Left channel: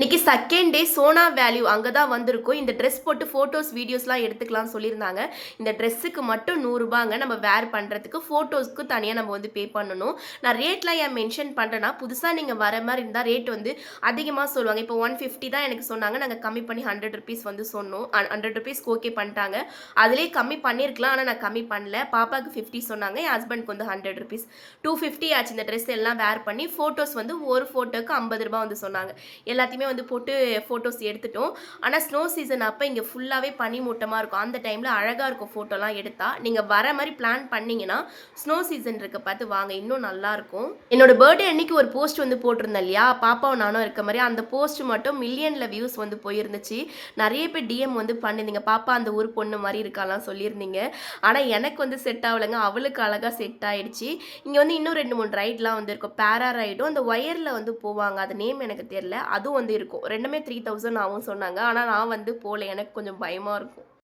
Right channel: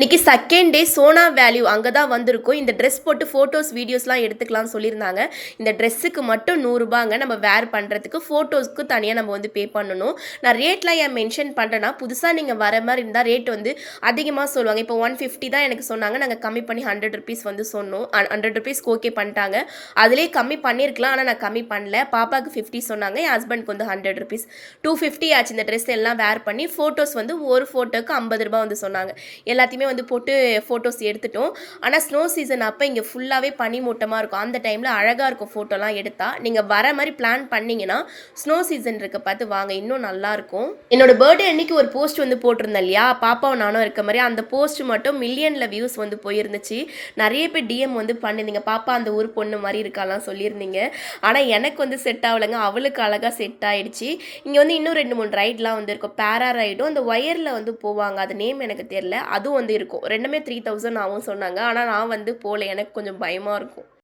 இன்னைக்கு second day Sona value அங்கே தான் வந்திருக்கும். இந்த ட்ரெஸ் போட்டு ஃபோட்டோஸ் வீடியோஸ்லாம் எடுத்துக்கலாம்னு சொல்லியிருந்தாங்க. இந்த ட்ரெஸ்ஸுக்கு மட்டும் ₹100ங்க நம்ம வேர் பண்ணுறதுக்கு. ஃபோட்டோஸ்க்கு தனியாக நம்ம வந்து பே பண்ணணும். நான் ரேட்லாம் ஏன் மென்ஷன் பண்ணுறேன்னா, புதுசாக நீங்கள் வர மாதிரி இருந்தால் ரேட் வந்து அதிகமாக சொல்லுவாங்க. இப்போ 150 தான் எனக்கு சொன்னாங்க. நாங்கள் கம்மி பண்ணி ₹100 வந்து சொன்னோம். ₹100க்கு ஓகே பண்ணிட்டாங்க. அதுலேயே கம்மி பண்ணியிருக்கலாம், ஆனால் நான் கம்மி பண்ணல. பாப்பாவுக்கு 50 சொன்னாங்க, என் ஹஸ்பண்ட்க்கு வந்து ₹100. 250 ஆச்சு இந்த ட்ரெஸ் எல்லாம் வேர் பண்ணி. ஃபோட்டோஸ் வந்து ஒரு ஃபோட்டோக்கு ₹50 வந்து சொன்னாங்க. எல்லாத்தையுமே வந்து போட்டு ஃபோட்டோஸ் எடுத்துட்டோம். ஆனால் ஸ்னோ சீசன் அப்போ இங்கே ஃபுல்லாகவே பனிமூட்டமாக இருக்கும். அந்த டைமில் அழகாக இருக்கும் ஃபோட்டோலாம் எடுத்தால். நீங்கள் வர மாதிரி பிளான் பண்ணிங்கன்னா ஸ்னோ சீசன் இருக்க பார்த்து வாங்க, இன்னும் நல்லாயிருக்கும். என்னோட பர்த்டே அன்னைக்கு ஒரு போஸ்ட் வந்து போட்டிருந்தேன் இல்லையா, பாப்பாவும் நானும் இருக்க மாதிரி. அந்த போஸ்ட் மட்டும் மில்லியனில் வியூஸ் வந்து போயிருந்துச்சு. நிறைய பேர் டிஎம் வந்து பண்ணியிருந்தீங்க, பாப்பா அந்த ஊர் பொண்ணு மாதிரி இருக்காலாம் சொல்லியிருந்தீங்க. ஆனால் எனக்கு வந்து செட் ஆகலைங்க, அவளுக்கு அழகாக செட் ஆகிடுச்சு. இங்கே வந்து இன்னும் 2-3 ரைட்லாம் வந்து இருக்கும். பேரா ரைடும் அந்த ஒயரில் வந்து போவாங்க, அது நேம் எனக்கு தெரியல, அதுவும் வந்து இருக்கும். ரெண்டுமே 3000 ஆகும் சொன்னாங்க. ஆனால் நான் வந்து போகல, எனக்கு கொஞ்சம் பயமாக இருக்கும்.